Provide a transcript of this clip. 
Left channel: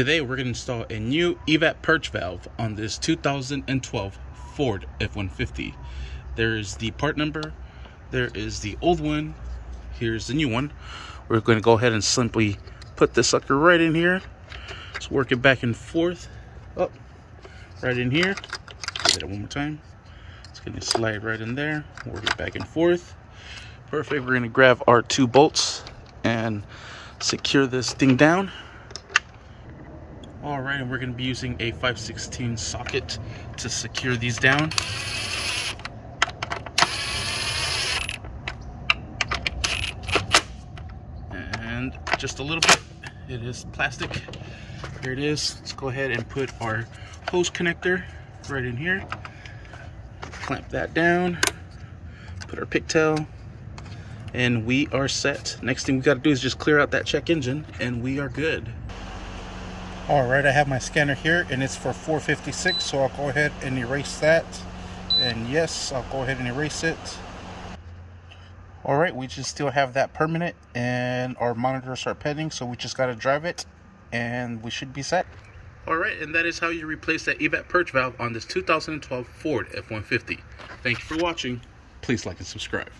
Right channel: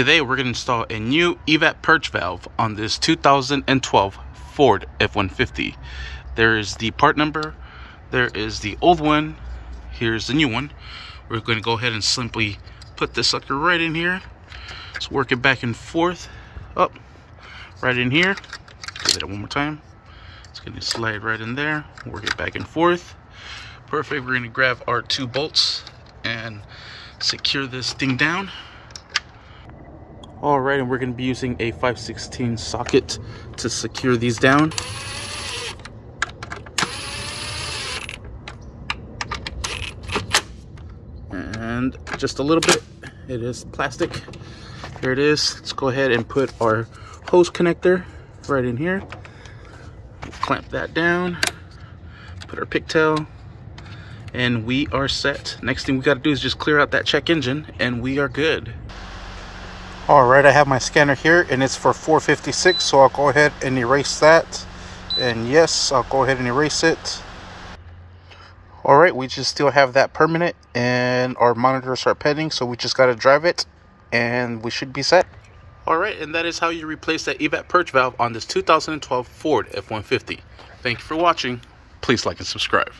Today we're going to install a new Evap Purge valve on this 2012 Ford F-150. There is the part number, there is the old one, here's the new one. We're going to go ahead and simply put this sucker right in here. Let's work it back and forth, up, right in here. Give it one more time. It's going to slide right in there, work it back and forth. Perfect. We're going to grab our 2 bolts and secure this thing down. Alright, and we're going to be using a 5/16 socket to secure these down. And just a little bit, it is plastic. There it is. Let's go ahead and put our hose connector right in here. Clamp that down, put our pigtail, and we are set. Next thing we got to do is just clear out that check engine and we are good. Alright, I have my scanner here and it's for 456, so I'll go ahead and erase that. And yes, I'll go ahead and erase it. Alright, we just still have that permanent and our monitors are pending, so we just got to drive it and we should be set. Alright, and that is how you replace that Evap Purge valve on this 2012 Ford F-150. Thank you for watching. Please like and subscribe.